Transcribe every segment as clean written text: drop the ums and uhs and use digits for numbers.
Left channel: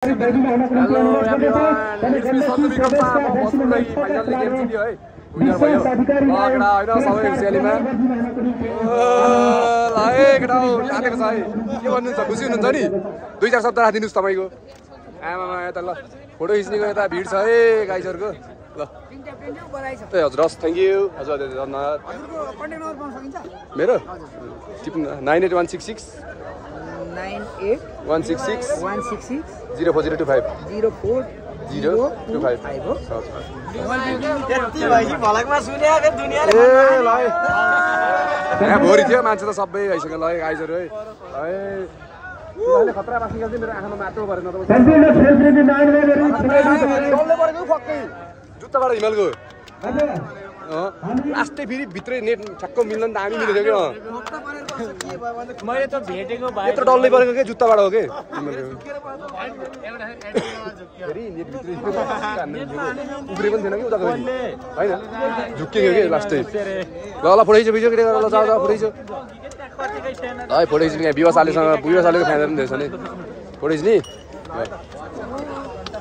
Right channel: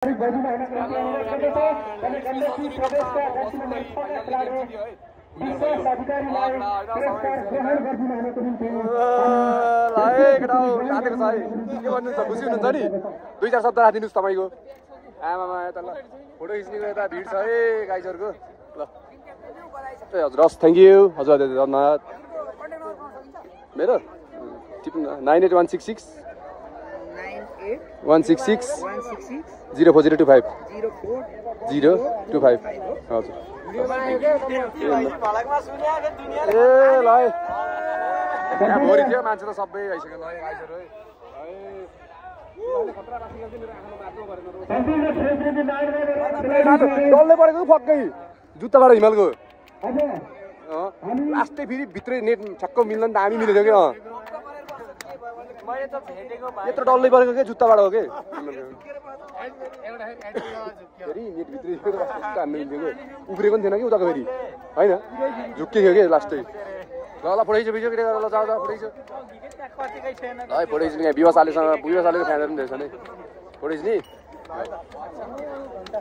खुसी हुनुहुन्छ नि 2-4 शब्द राखिदिनुस् तपाईको आमामा यता ल फोटो खिच्नेको यता भिड छ है गाइसहरुको ल ए हजुर हस् थ्यांक यू हजुर धन्यवाद मेरो 98166 04025 04025 हजुर यहाँ भोरी थियो मान्छे त सबै आइसक्यो ल गाइसहरु है खतरा बासी गर्दै मेरो आँखामा माटो परेन त डल्ले परेको फक्कै जुत्ताबाट हिमालको लास्टै फेरि भित्रै नेट छक्क मिल्न नि त हामी मिलेको के मैले त भेटेको भाइ यत्रो डल्लै परेको के जुत्ताबाट हो के फेरि नेट भित्रै उब्रेको पनि थिएन कि उताको फेरि होइन झुक्कियो के लास्टै ल ल फोटो भिडियो के गरेर ल जाऊ फोटो खिच्यो है फोटो खिच्ने यहाँ विवाह सालेको फ्यानहरू पनि रहेछ नि फोटो खिच्ने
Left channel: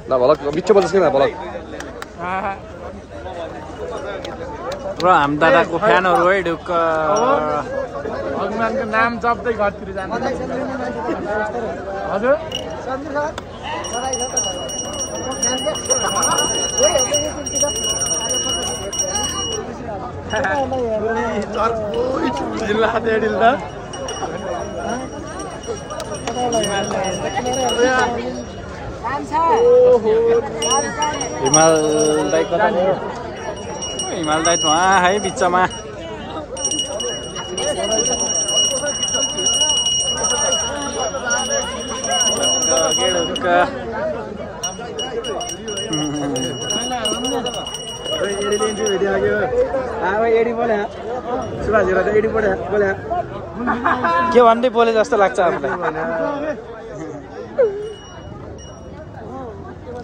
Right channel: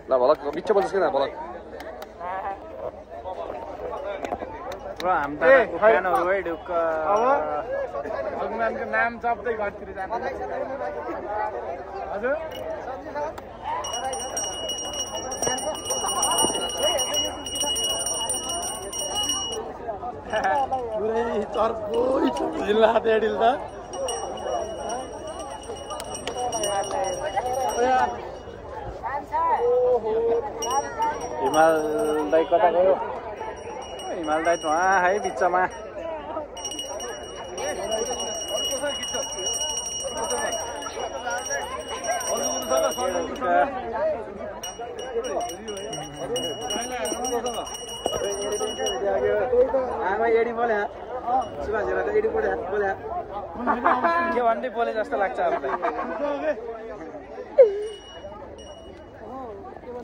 ल भलक मिठो बोल्छ कि भलक र हाम दादाको फ्यानहरु है ढुक्क भगवानको नाम जप्दै घरतिर जान्छ हजुर जिल्ला डेडिल त हिमाल दाइ कता गयो हिमाल दाइ वहाँ है बिचमा के भन्दै बोले जस्तो लाग्छ आफूलाई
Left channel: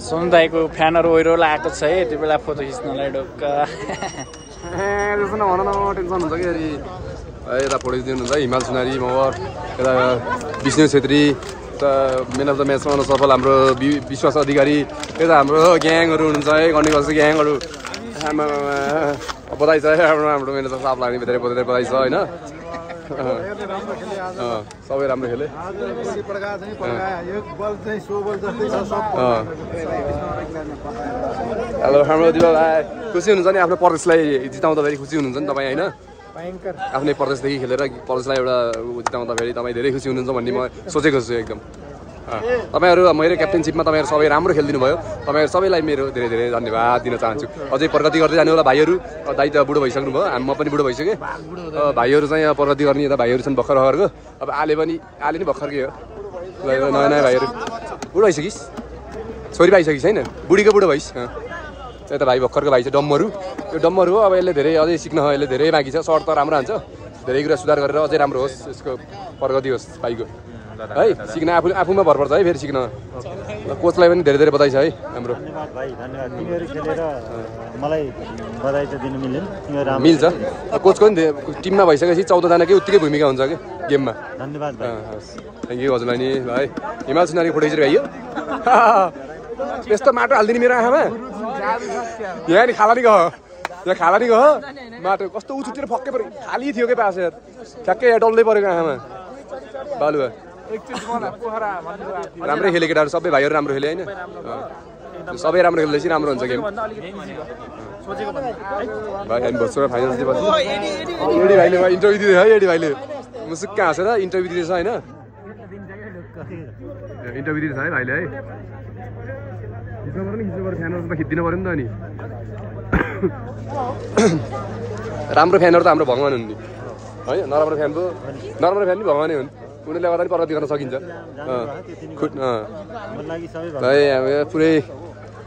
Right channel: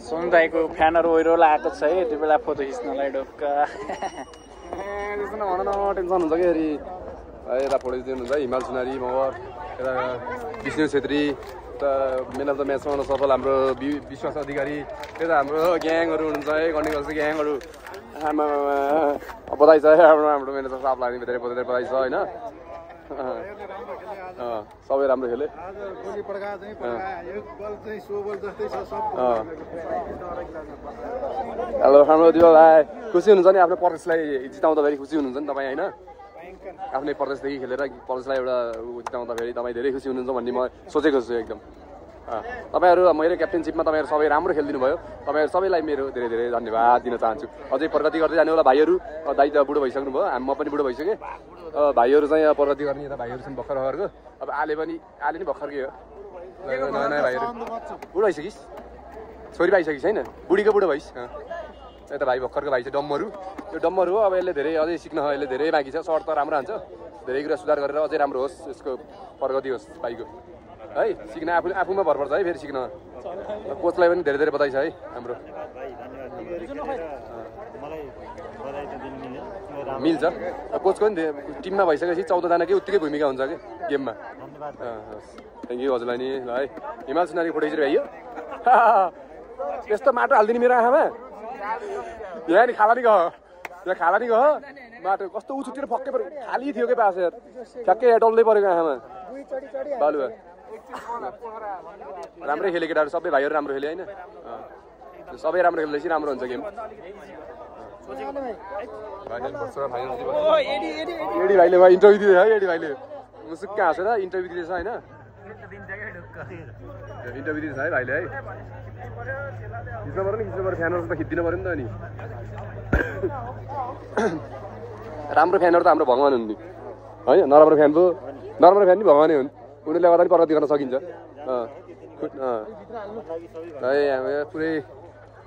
सोनु दाइको फ्यानहरु ओइरो लागेको छ है त्यो बेला फोटो खिच्नलाई ढुक्क त्यसो नभन न टेन्सन हुन्छ कि यता फोटो खिच्नुहुन्छ है हिमाल सुनारी मगर यता विष्णु छेत्री यता मेन अफ द म्याचमा आउन सफल हाम्रो विश्वास अधिकारी यता हाम्रो ग्याङहरू हुनुहुन्छ है गण्डीगल्छ ग्याङहरू बधाई छ हाम्रो मेरो त साफ लाग्ने धेरै बधाई छ होइन सबै राम्रो खेले हेलो हाम्रो दिवाल खुसी हुनुहुन्छ नि आफ्नो प्रदेशलाई जिताउँदाखेरि खुसी हुनुहुन्छ नि तपाईँ होइन आफ्नै प्रदेशदेखि खेलेर प्रदेशलाई एउटा जिताउँदाखेरि तपाईँ धेरै खुसी हुनुहुन्छ भन्ने म सोचेको छु एकदम तपाईहरु मेरो क्याप्टेनशिपमा तपाईहरु सबै राम्रो खेलिदिनु भयो तपाईहरु सबैलाई मेरो धेरै धेरै धन्यवाद दिन चाहन्छु अझै प्रगति गर्दै जानु होला भाइहरु दाइ त बुढो भइसक्नु भयो म पनि बुढो भइसके भाइहरु चाहिँ प्रगति गर्ने यता भाइहरु छन् भर्खर भर्खरको अब आले नि भर्खरकै हो नयाँ नयाँ भाइहरु बुढो भइसकिस् छोरी पाइसकिस् हैन बुढीको बुढो भइस् यता भाइ भर्खरको भाइ चाहिँ डम्मरु यो डम्मरु हो अब यसले धेरै अझै सिक्न यसले धेरै बाँकी छ सर्ट त राम्रो हान्छ धेरै कुरा सुधार गरेर अझै राम्रो होस् यसको प्रगति होस् भाइको है सिक्न आफूमा भर पर्छ है फेरि सिक्न कोचलाई पनि धेरै धेरै बधाई छ है हाम्रो धन्यवाद भाइ धन्यवाद तिमीहरु खेलेर मलाई बधाई चाहिँ दिन मिल्छ कोचको नि टिममा भइसकेपछि 14 जनाकै उत्तिकै भूमिका हुन्छ के गेममा धन्यवाद थ्यांक यू हजुरलाई नि है हिमाल सुनारी फोटो खिचेर भाइ त्यस्तो माटो हाल्दिने मेरो आँखामा यहाँ नि खाला नि गयो माटो कस्तो उछुतिर फक्कै पऱ्यो खाली थियो के पास यार ठ्याक्कै डल्लै परेको आँखामा बालुवा राम्रै खेले केटाहरू सबै भाइहरू राम्रो खेले होइन सबै राम्रो खेल्दैछ राम्रो हुन्छ गेम भाइ हामी बस्छु र फाइनल एडी भाइले इन्टरभ्यू दिँदै है एडी भाइले मुसुक्क हाँसेर इन्टरभ्यू दिँदैछ होइन इन्टरभ्यू दिँदैछ है भाइले है खिच्नु पऱ्यो नि फ्यानहरू त खिचिदिनु पऱ्यो नि त अनि राम्रो फ्यानहरू त हाम्रो भगवान् हुन् नि है नराम्रो फ्यान पनि भगवानै हुन् उनीहरूले गर्दा पनि प्रगति गर्न सकिन्छ पुरै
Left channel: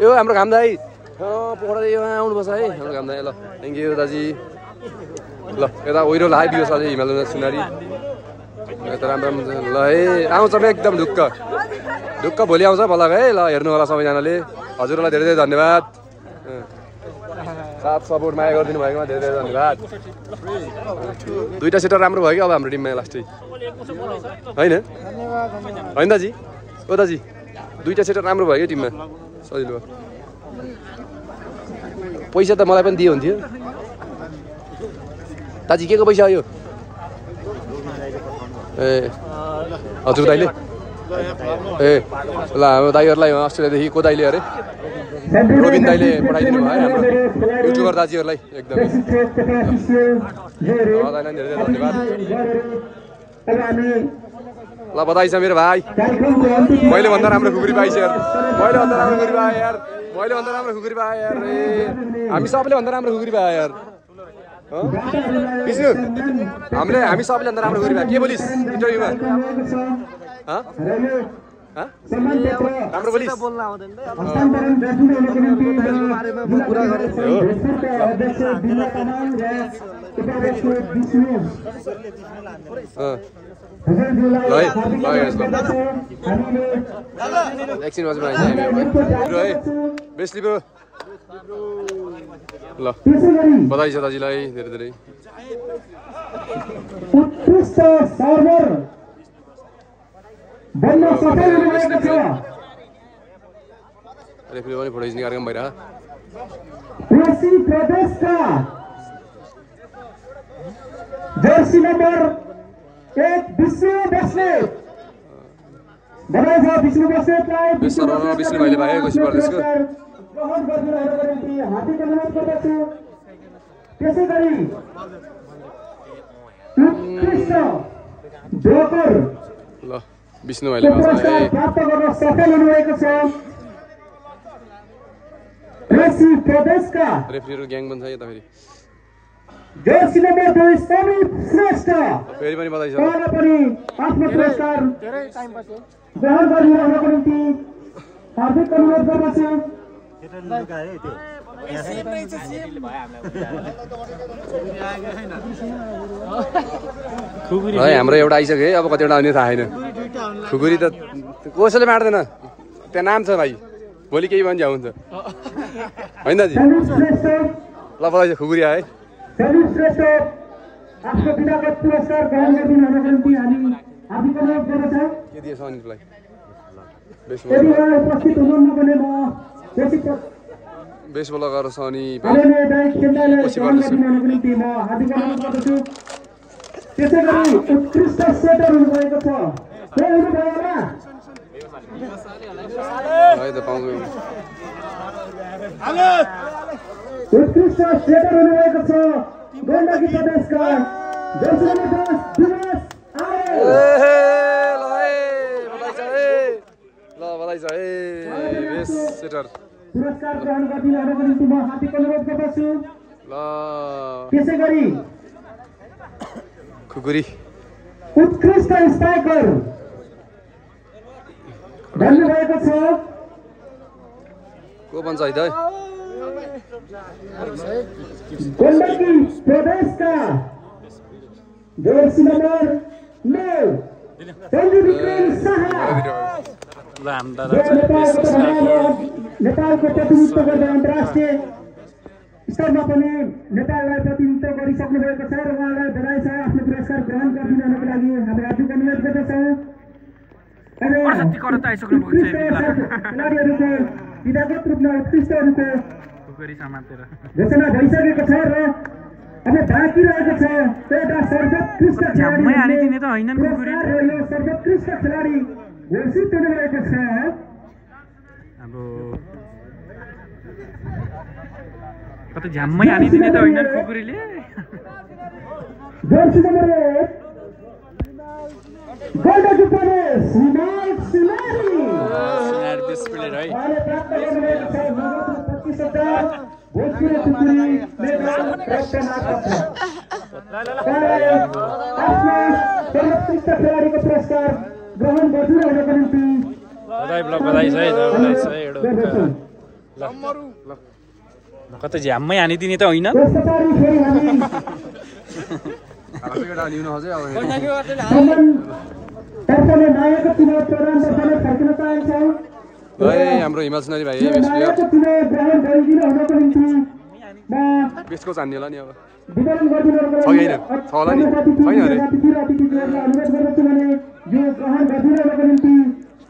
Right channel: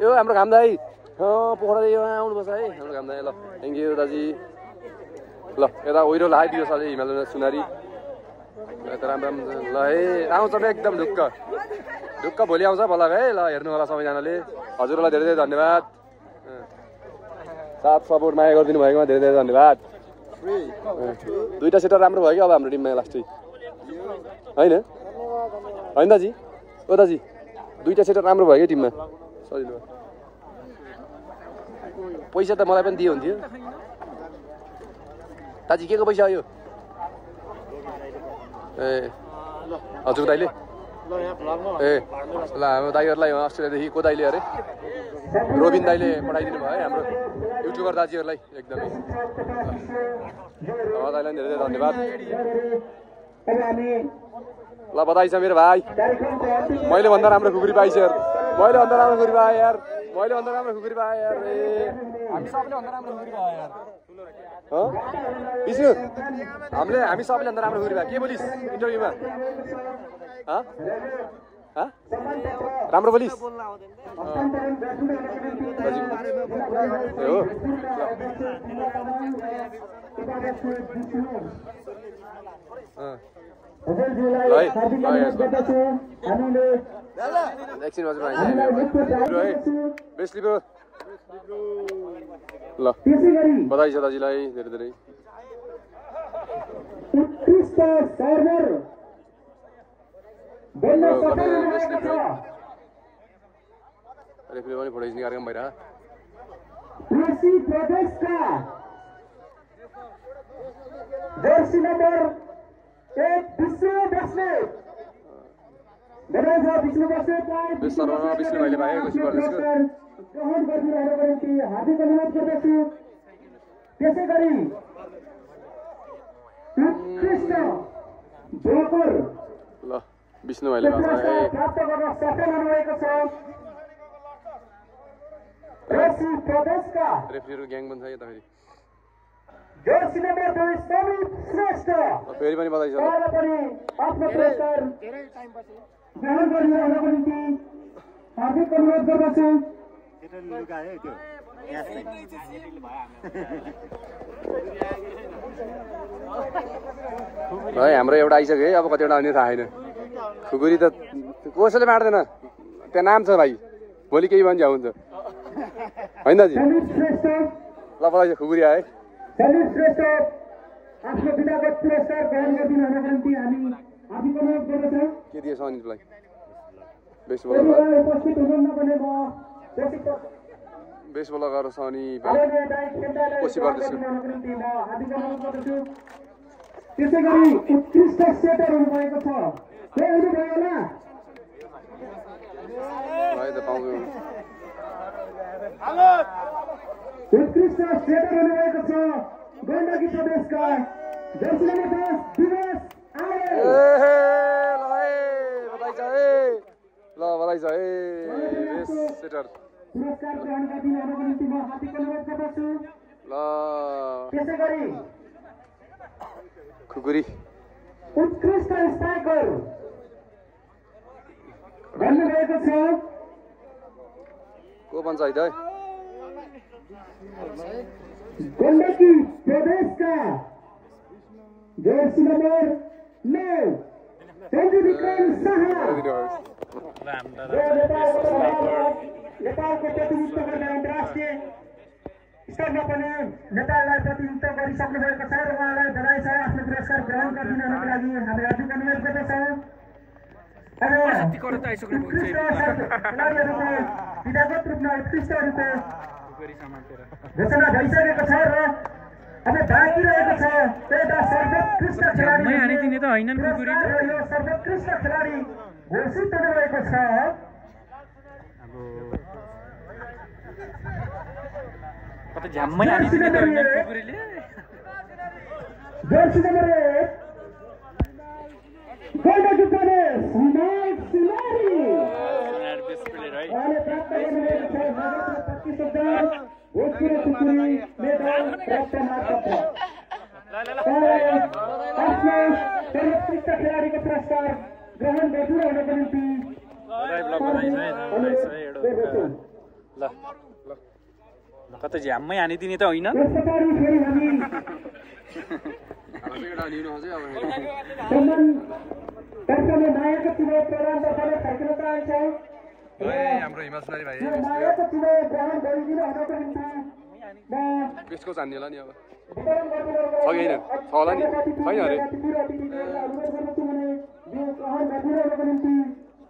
यो हाम्रो घाम दाइ पोखरा आउनुपर्छ है हाम्रो घाम दाइ ल थ्याङ्क यू दाजी ल यता ओइरो लाइ दियो सधैँ हिमाल सुनारी यता राम्रो ल है आउँछ एकदम ढुक्क भोलि आउँछ भलक है ल हेर्नु होला सबैजनाले हजुरलाई धेरै धेरै धन्यवाद साथ सपोर्ट माया गरिदिनु भएकोमा धेरै धेरै धन्यवाद दुईटा सेटर राम्रो भयो कि अब हाम्रो टिममा लास्टै होइन दाजी ओ दाजी दुईटा सेटर राम्रो भयो टिममा सजिलो भयो पैसा त मलाई पनि दियो हुन्थ्यो दाजी के को पैसा हो यो ए हजुर दाइले ए ल हाम्रो दाइहरूलाई अस्ट्रेलियादेखि को दाइले अरे रोबिन दाइले पठाइदिनु भयो है हाम्रो युट्युबर दाजुहरूलाई एकदमै दाइलाई धेरै धेरै धन्यवाद ल बधाई छ मेरो भाइ मैले भन्दा राम्रो खुकुरी पाइछ यार मैले भन्दा राम्रो खुकुरी पाएँ यार मैले भन्दा राम्रो खुकुरी पाएँ यार ए हामी सबैले भन्दा राम्रो खुकुरी पाएँ यार विष्णु हामी सबैले भन्दा राम्रो खुकुरी पाएँ के बोलिस् इन्टरभ्यूमा राम्रो बोलिस् एकछिन बजी बनाइन्छ हामी है बेसली पो ल बधाई छ दाजुलाई धेरै धेरै रेफ्री पनि फोटो खिच्ने कार्यक्रम भइरह जर्सी नंबर 1 विष्णु बस्नेत बनाइछ विष्णु बस्नेतलाई विष्णु भाइले भाइ कोशी प्रदेशको हार्दिक अनुरोध गर्दछु त्यसैगरी उत्कृष्ट जोकर ल विष्णु भाइले भन्छ ए प्राप्त गर्न सफल हुनुभएको छ कृषि प्रदेशका रेफ्रीहरु ग्याङ बन्छ यता फेरि जर्सी नम्बर 2 समीप श्रेष्ठ फेरि पनि बधाई छ उहाँलाई पनि आफ्नो पुरस्कार धेरै टाइम पछि ग्रहण गरिरहेको निम्ति हार्दिक अनुरोध गर्दछु है हाम्रो एउटा आइसक्यो है अब कतिवटा आउने थाहा छैन खुकुरी त कसैले बाँड्दैन त्यहाँ नाम छ भाइ भोलि केही भन्छ हुन्छ होइन दाजु ल बधाई छ खुकुरी आए समीप श्रेष्ठ आफ्नो पिताको पुरस्कार ग्रहण गरिदिनको निम्ति हामी हार्दिक अनुरोध गर्दछौँ के दिएछ अनिललाई यदि उपस्थित हुनुहुन्न भने म बेसबल लगाएर सनी कोशी प्रदेशको निम्ति म हार्दिक अनुरोध गर्दछु त्यसैगरी उत्कृष्ट सेटर हुनुभएको छ है त पाउँछु उत्कृष्ट सेटर हुनुभएको छ गण्डकी प्रदेशका बधाई छ ए बेस सेटर पुरस्कार ग्रहण गरिदिनको निम्ति म हार्दिक अनुरोध गर्दछु ल त्यसैगरी खुकुरी उत्कृष्ट स्ट्राइकर भन्नुभएको छ को भन्छ है त गण्डकी प्रदेशका जर्सी नम्बर 9 सञ्जु विक्रम शाह नेपालको प्रतिनिधित्व गर्दा अन्तर्राष्ट्रिय स्तरमा पनि नेपाललाई प्रतिनिधित्व गरिसक्नु भएको छ र उहाँलाई बधाई छ आफ्नो पुरस्कार ग्रहण गरिदिनको लागि हामी हार्दिक अनुरोध गर्दछौँ खेलाडीहरूको विधागत रूपमा उत्कृष्टहरूको घोषणा भइसकेको छ र अब बाँकी रहेको छ एउटा सर्वोत्कृष्ट खेलाडी सर्वोत्कृष्ट खेलाडी घोषित हुनुभएको छ झ्याम्मै हानिदिने त होइन खुकुरीले जर्सी नम्बर 1 गण्डकी प्रदेश हिमाल सिलारी यार बेस्ट प्लेयर है सर्वोत्कृष्ट खेलाडीको पुरस्कार ग्रहण गरिदिनको निम्ति बधाई छ है ल कतै झ्याम्मै हानिदिने त होइन हाम्रो हिमाल सुनारी भाइ बेसको चान्ने होला नि अब छ कि होइन छ होला नि छैन अरे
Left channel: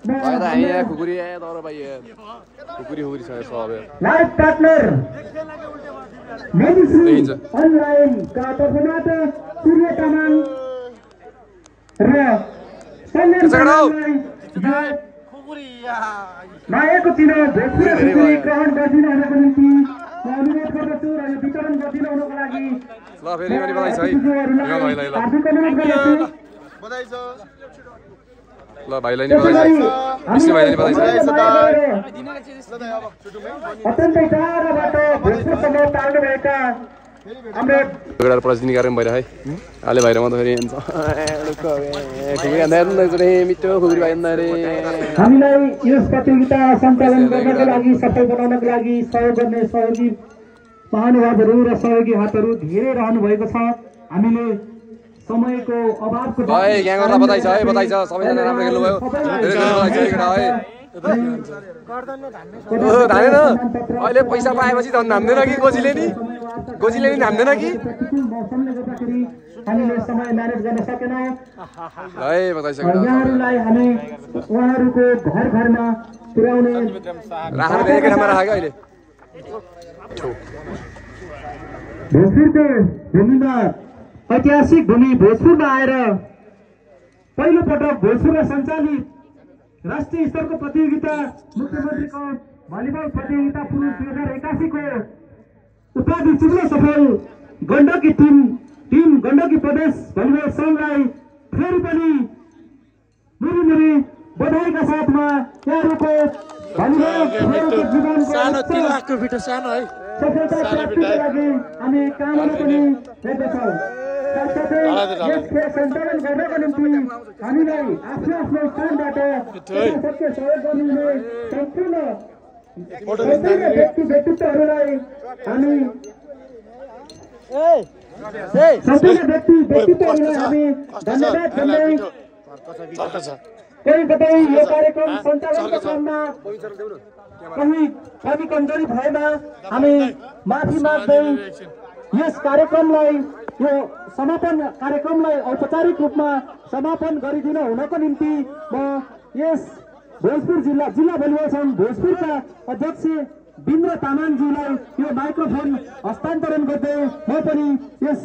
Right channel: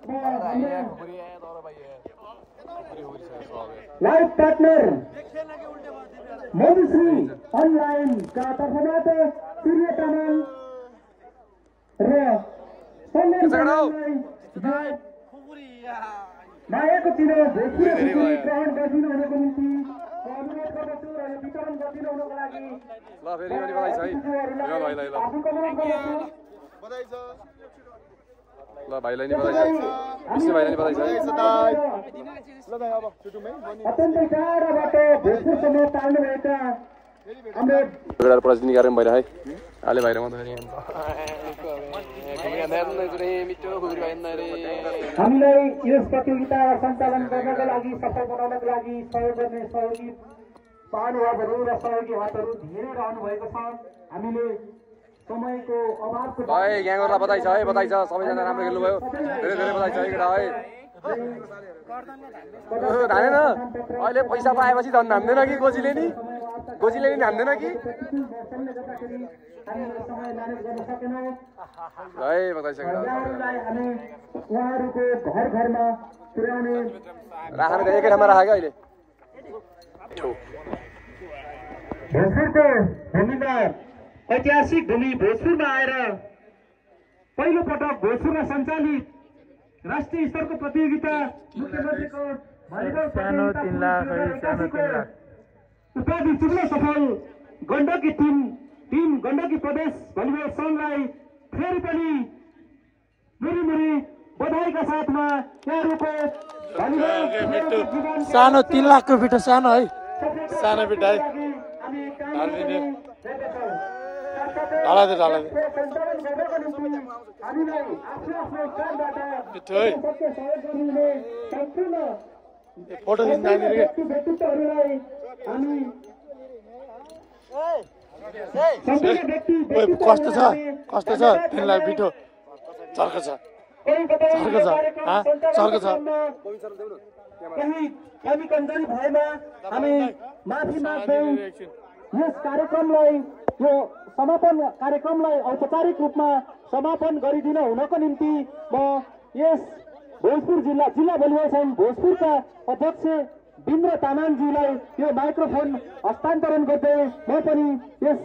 खुकुरी आयो तर भाइ खुकुरी छ सब लाइफ पार्टनर मधुश्री अनलाइन का तर्फबाट सूर्य तामाङ र मायाको चिनो भोजपुरी ग्रहण गरिदिनुहुनको निम्ति म अनुरोध गर्दछु र यो वितरण गरिदिनुहुनको लागि ल फेरि पनि बधाई छ है ल भाइलाई ल ल भाइलाई नि बधाई छ विष्णु भाइलाई नि बधाई छ अत्यन्तै टाढाबाट भोजपुरसम्म पाल्नुभएका हाम्रो प्रदर्शनी कार्यक्रम भइरह है अहिले भइरह त फेरि मिठो खुकुरी भाइ हामीलाई यस प्रतियोगिता सञ्चालन गर्नको लागि सफल बनाउनको लागि सहयोग गर्ने सहयोगी महानुभावहरू र सहयोगी हातहरू धेरै रहनु भएको छ हामीले समयको अभावको भाइ ग्याङहरुलाई बधाई छ है बधाई छ सबैजना राम्रो खेल्नु भयो धेरै धेरै बधाई छ केटा है धानेन अहिले पैसा पाएपछि झन् धान्दैन कि गोजीले नि धान्दैन कि मौसमले गर्दाखेरि हामीले समय म्यानेज गर्न सकेनौँ ल है बधाई छ केटा उहाँहरूलाई हामी उहाँहरूको घर घरमा पुर्याउने राख्नु त एकै ठाउँमा राखेको अहिले भोजपुरको भूमिमा ऐतिहासिक भूमि भोजपुरमा आएर पहिलो पटक भोजपुरमा सञ्चालित राष्ट्रिय स्तरको प्रतियोगिता मुख्यमन्त्रीको भलिबल प्रतियोगिता 2081 को उपाधि जित्न सफल गण्डकी टिम गण्डकी प्रदेश भलिबल संघलाई फेरि पनि मेरी बधाईका साथमा यहाँहरूको भलिबल जीवन सानो 3 लाखको भिडियो सानो है सानो भिडियो हामी काम गर्दैछौँ सञ्चालन गर्नको निम्ति हामीलाई आफ्नो आफ्नो स्थानबाट सबैको सहयोग गर्नुहुने सम्पूर्ण व्यक्तित्वहरूलाई हामी सम्पूर्ण व्यक्तित्वहरूलाई धन्यवाद दिँदै कोही कतै यो कार्यक्रम सञ्चालन गर्नमा कहीँ कमी कमजोरी भएमा हामी माफी माग्दै यस कार्यक्रमलाई यो समापन कार्यक्रमलाई औपचारिक रूपमा समापन गरिदिन हुनको निम्ति म यस भोजपुर जिल्ला भलिबल संघ भोजपुरका अध्यक्ष बिन्द्र तामाङज्यूलाई यो माइक्रोफोन हस्तान्तरण गर्दै म पनि यस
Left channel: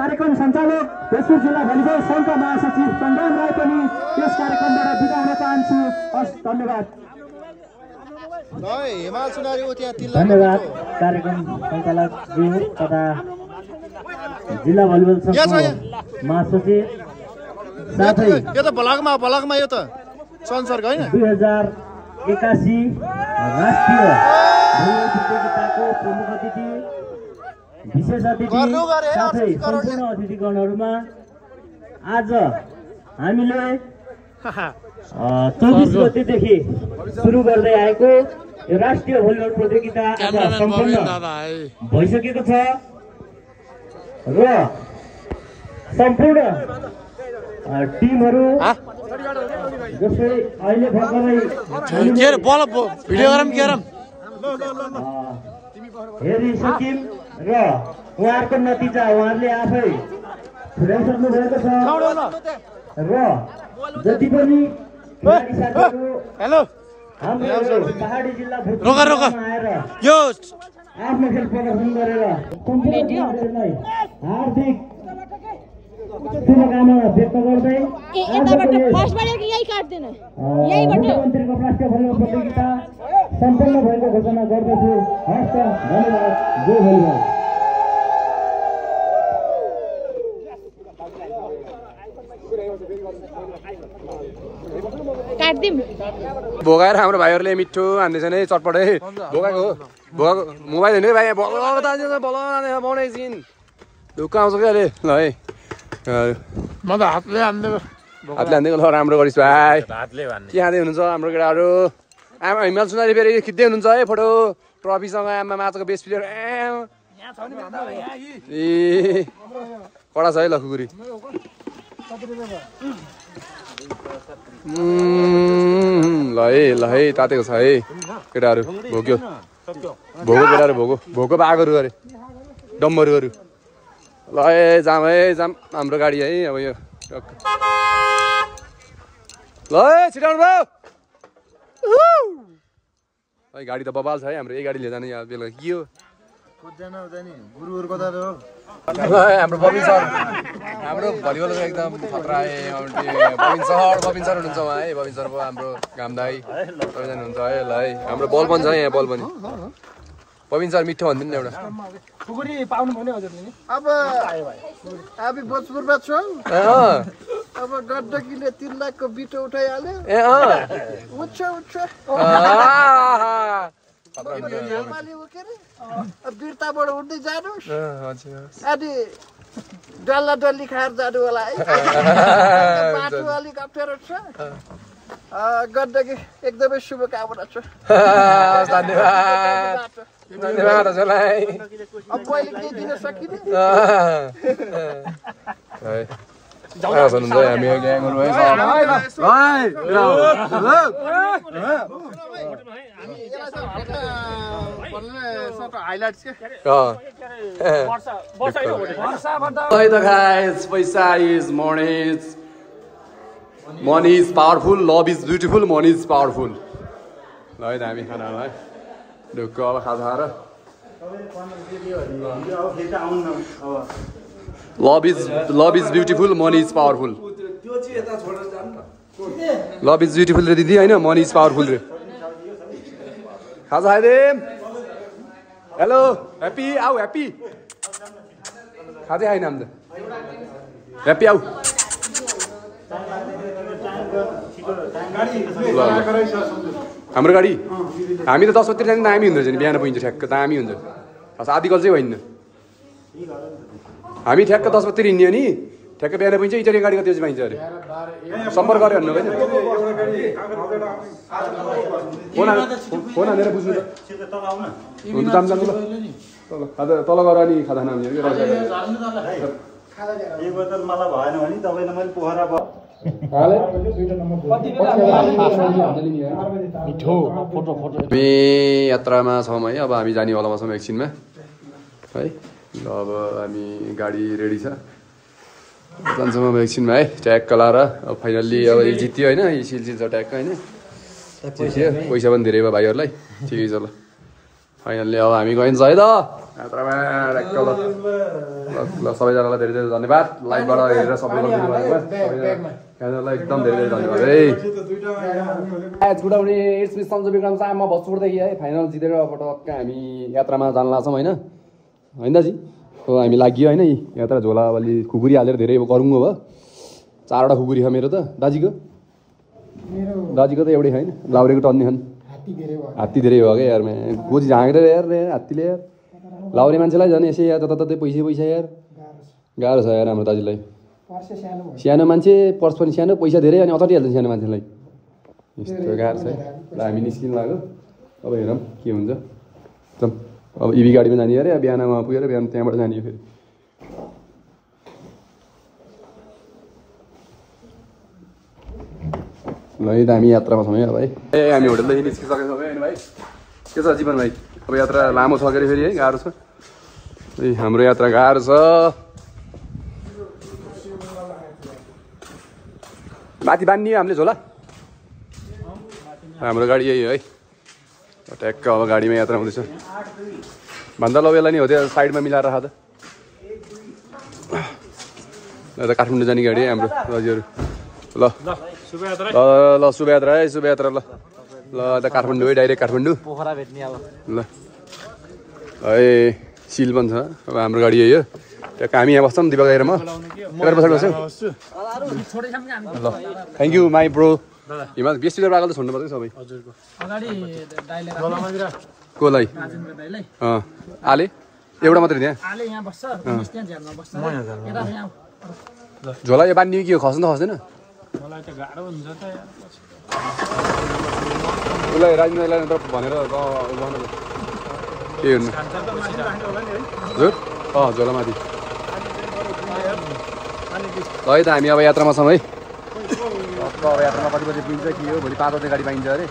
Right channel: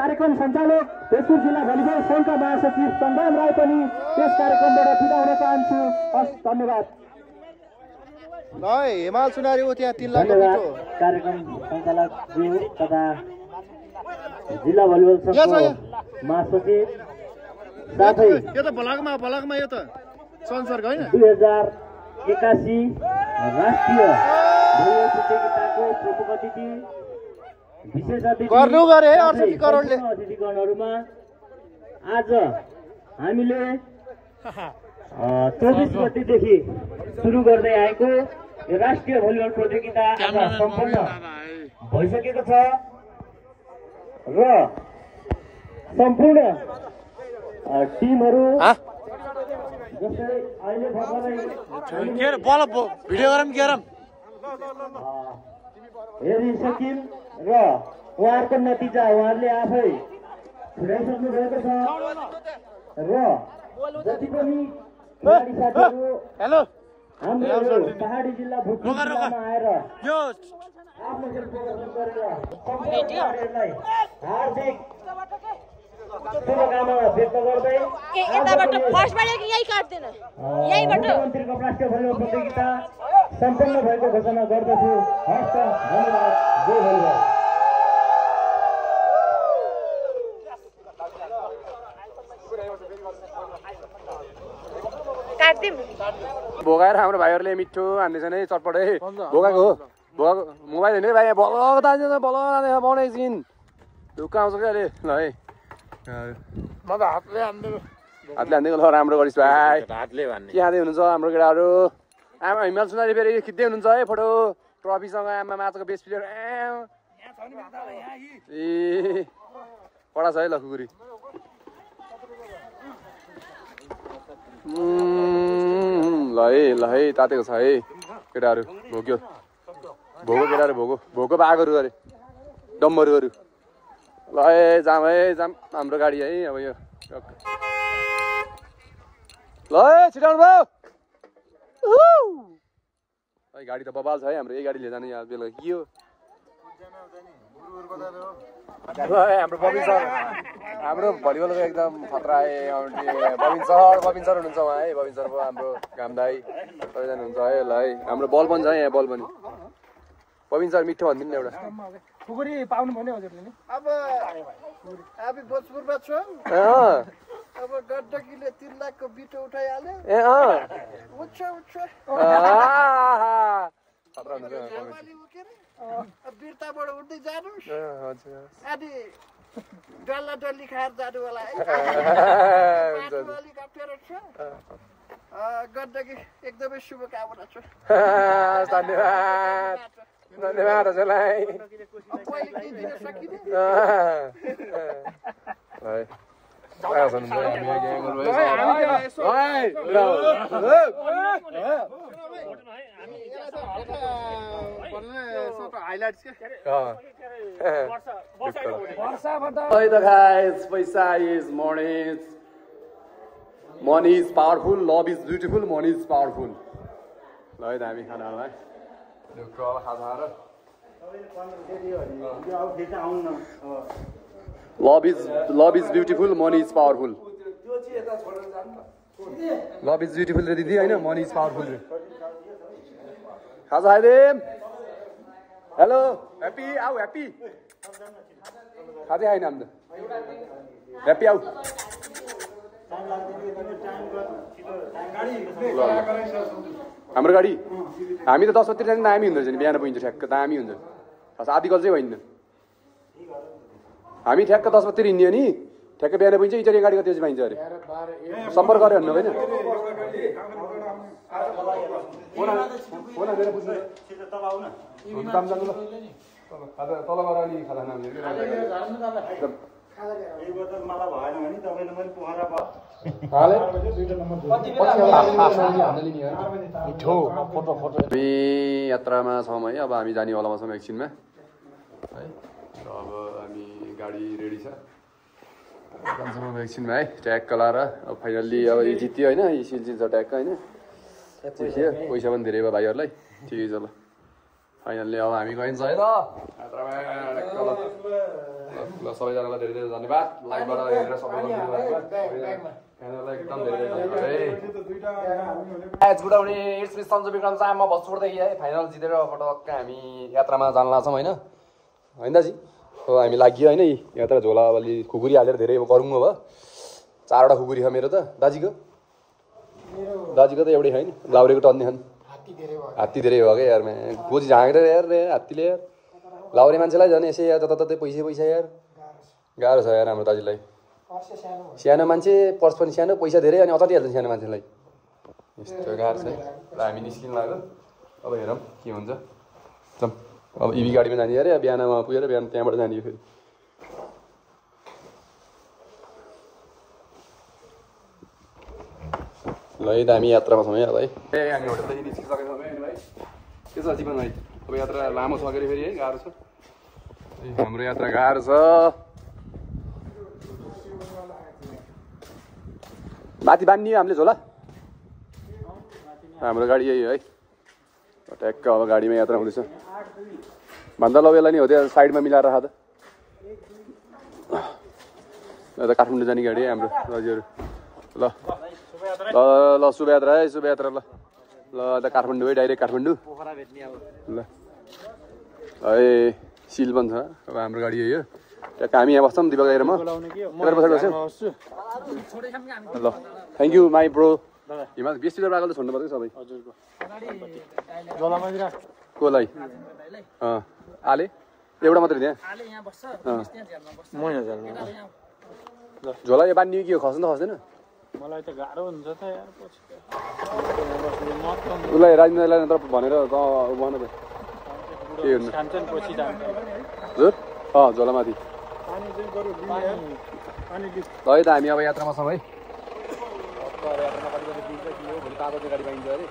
कार्यक्रम सञ्चालक भोजपुर जिल्ला भलिबल संघका महासचिव चन्दन राई पनि यस कार्यक्रमबाट बिदा हुन चाहन्छु हस् धन्यवाद धन्यवाद कार्यक्रम सञ्चालक ज्यू तथा जिल्ला भलिबल संघको महासचिव साथै यो त भलकमा यो त संसर्ग हैन 2081 राष्ट्रिय भलिबल प्रतियोगिताको प्रमुख अतिथि विशेष अतिथि अतिथिगणहरूमा आज हामीले 24 गतेदेखि सुरु गर्दै आएको यो राष्ट्रिय भलिबल प्रतियोगिता सम्पन्न भइसकेको छ र सम्पूर्ण टिमहरू जस्तै अहिले भर्खरै हेरिसक्यौँ र उहाँहरूको नतिजा उहाँहरूले आफै पुर्याइसक्नु भएको छ र जति पनि हाम्रो पहाडी जिल्ला आएर आफ्नो खेल प्रदर्शन गरेर हार्दिक शुभकामना व्यक्त गर्दै मुख्यमन्त्रीको राष्ट्रिय भलिबल प्रतियोगिता सम्पन्न भएको घोषणा गर्दछु हस्त धन्यवाद जय भलिबल भोगाएर हाम्रो भाइहरूले मिठो हान्दैछ नि चटपटै भोगाको मोबाइल हेर्ने भाइ बल एकछिन ढुक्क आउँछ क्या अहिले ल है हातले हान्दै ल राम्रो गरिस् भाइ के खाँदै हुनुहुन्छ हाम्रो केटाहरू आमा हिमाल सुनारी फेरि खिच्दै हुनुहुन्छ है फोटो ट्रफीसँग आमा माछाको बेस्ट प्लेयर ए कडा छ है ल खुकुरी ल है तातेको छ है केटाहरू भोग्यो केटाहरू भोको पाएकोहरू अरे डम्बरुहरू ल है जाम हाम्रो गाडी है अब यो ल है छिटाउनु भयो है गाडी त बबाल छ है हाम्रो यही गाडी लिएर जाने यहाँ बेलुका के हो हाम्रो बबिन सर हाम्रो भलिबलको एकदम खतरा है बबिन सर हुनुहुन्छ उहाँ है बबिन सर हाम्रो घाम दाई सबैजना हुनुहुन्छ है ल है हाम्रो बल पनि छ यहाँ बल पनि बबिन सर मिठो भनिदिनु न एउटा खुकुरी पाउनु भयो नि हजुरले नि अब हामी भोजपुरमा छौँ अब गण्डकीले 3 लाखको बिटो उठाइहाल्यो उठ्छ बिर्ताबाट उठ्दै जानुहोस् अनि डल्ला डल्ली खाएर जानु होला है बाटो अलिक अप्ठ्यारो छ गण्डकी एकदमै शुभकामना छ धन्यवाद हजुरलाई अब मैले केही दिन सकिनँ हामी पैसा is money is powerful love is beautiful money is powerful ल है त हामी खाना है ढुक्क अब खाजा खाएर love is beautiful money is powerful love is beautiful रे दिदी होइन मनी इज पावरफुल रे खाजा खाइदे हेलो ह्याप्पी आऊ ह्याप्पी खाजै खाइन हामी त ह्याप्पी आऊ हाम्रो गाडी हामी त 10 बजीतिर जाने दामी हुन्छ नि बिहान पुगिन्छ ठ्याक्क दामी हुन्छ आधी कल चाहिँ होइन हामी ठ्याक्क 10 बजीतिर हिँड्यो नि ठ्याक्क बिहान पुगिन्छ इटरी गाडी कति बजी पाइन्छ अरे सम्पर्क गऱ्यो भन्नु होइन फोन हानेर बुझ्नु तल गर अनि खाजा खान एक बोतल मलाई भएन भने तपाईँले मैले पोखरा हामी यात्रामा छौँ है अब हामी जानेवालामा छौँ एकछिनमा है ल अब हामी गाडी रेडी छ जान्छौँ अब एकछिनमा है ट्याग लाएर अब फाइनल्ली अब जित्यो होइन सिल छ ट्यागको होइन जित्यो पैसा पनि धेरै भयो भाइहरूलाई ठिकै छ ल फाइनल्ली अब हामी गइन्छ है त यात्रामा ट्याक्क ल ल सबैजनालाई धेरै धेरै धन्यवाद लाइभबाट हेरेर सबैलाई एकदम धेरै धेरै धन्यवाद है गुड आउने इट्स मिस सन्जु विक्रम शाह म भोजपुरदेखि है फाइनल जितेर अब टक्क हामी यात्रामा जान लाग्छौँ होइन होइन दाजु हामी लाग्यो होइन एउटा झोला अलि खुकुरी हालेर धेरै गरौँ भयो 4वटा खुकुरी छ मेरो त दाजीको त एउटै होइन गाउरीको टन्ने छन् हात्ती धेरै भयो क्या यार गोजी झाँकेर यार हात्तीले लाउरे मान्छेलाई झन् यसै यार जताततै पैसा यार गाह्रो छ यार हाम्रो दाजुलाई सानो मान्छे पर्स पनि सानो पैसा धेरै अनि अचटिहाल्छ सानो मान्छेलाई यस्तो गाह्रो छ है ल हामी निस्किनु लाग्यो अब हेरौँ के हुन्छ अब इभी गाडीमा जाने अरे बिहानमा पुगेर बिहान त्यहाँबाट जाने फेरि ल है दामी यात्रामा छौँ है ए हामी होटलदेखि निस्किसकेको छौँ है भाइ के छ जीवन भाइ अब यात्रा लामो छ के फेरि है गाह्रो छ ए हाम्रो यात्रा गाह्रो छ माथि बान्नियो हामीले झोला हाम्रो गाडी यही है ट्याक्क अब गाडीमा यात्रा हुँदैछ भन्दा ल यसलाई नि हो त्यो साइडमा मिलाएर राख त काठमाडौँ जाने गाडी है हाम्रो दाजुहरू ल ल शुभयात्रा है शुभयात्रा ल ल त काठमाडौँ है डाइरेक्ट काठमाडौँ पोखरा भेट्ने अब ल है सिल पनि छ अब हाम्रो गाडी यही हो त्यहाँ हामी यहाँ बस्छौँ दिपक गाएर म पछाडि बस्छौँ ल थ्याङ्क यू माई ब्रो हिमाल बेस्टिएर आएको त छोड्नु पर्छ सबै कसलाई आले एउटा मात्रै त्यहाँ झोला यो बान्ने के हो खस्नु त खस्दैन उसलाई राजेन्द्रलाई भनेर बस्नु त के गर्नु हजुर झोला माथि ल है त हामी अब यात्रामा छौँ है अब यात्रामा कति बजी पुग्छ के हो भोलि 5 बजे गाडी पाइन्छ अरे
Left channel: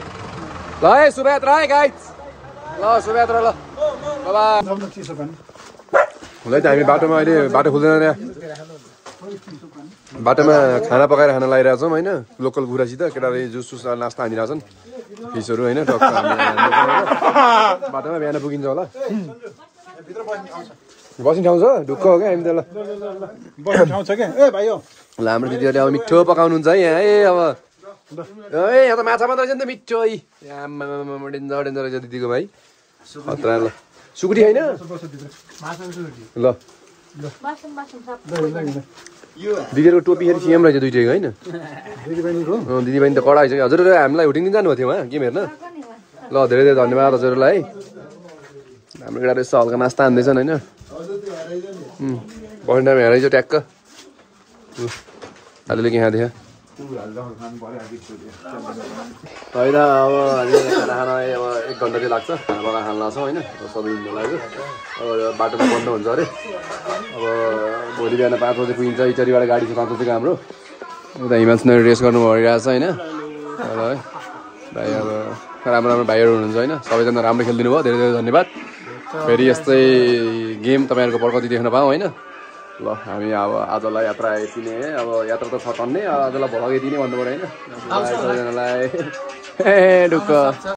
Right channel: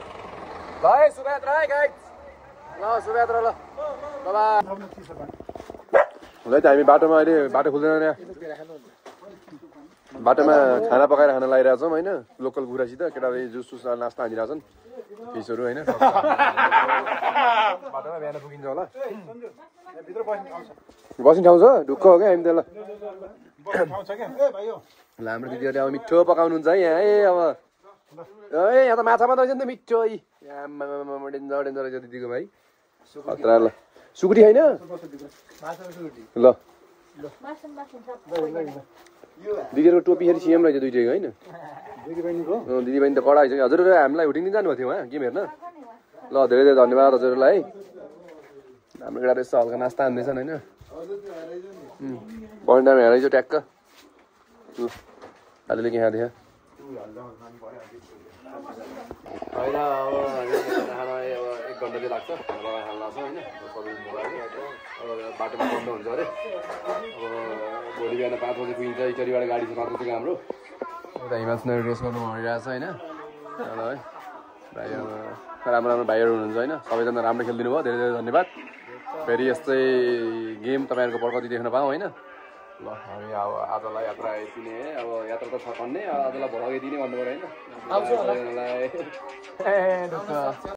ल है शुभयात्रा है गाइज ल शुभयात्रा ल बाबा हुँदै त हामी बाटोमा अहिले बाटो खुल्दैन बाटोमा खाना पकाएर खाना लगाइरहेको छौँ होइन लोकल गुरासित केटाले जुस सुस नास्ता हानिरहेको छन् फिसहरू होइन बाटोमा बिहान पुगिन्छ होला बस्ने ठाउँ छ ढुक्क हो क्या हामी त ल ल हाम्रो दिदीहरूले अब मिठो पकाउनुहुन्छ है यहाँ अब यहाँ त माछा मात्रै रहेछ नि त मिठो है डेन्जर डेन्जर रहेछ दिदीको भाइ खतरा ल सुकुटी होइन ल दिदीहरूको टोपी फेरि सेम रहेछ दुइटैको होइन दिदी बहिनी त कडा रहेछ हजुरहरू हामीलाई हुटिङ दिन जानुभएको थियो उहाँ गेम हेर्न ल धेरै धेरै धन्यवाद हजुरहरूलाई है हाम्रो केटाहरू यसो हल्का नास्ता हान्दैछन् होइन बस्ने टाइम हेरेछ ट्याक्क अलिअलि के खाँदैछ होइन अब हामी खाना खाना अब 1 घन्टा चाहिँ लाग्छ खाना पकाएर खान लाग्छौँ होइन सबै हिँड्नु लाग्यो अब बाटोमा बन्द हुन्छ अरे अब भोलि बिहान 5 बजे पुगिन्छ इचरीबाट गाडी छ 5 बजेको हाम्रो उता हिमालसनहरू रेस गर्नु भइरहेको छ होइन है भाइ अब राम्रो राम्रो भाइहरू हुनुहुन्छ होइन सबैजना राम्रो खेलिदिनु भयो धेरै धेरै धन्यवाद फेरि यस्तै गेम तपाईँहरूको पर्कति देख्न पाऊँ होइन ल हामी अब आजलाई यात्रा यति नै अब यात्रा त छ टन्नै आजलाई भ्लग यति नै भन्नु पऱ्यो होइन सबैजनालाई ढुक्क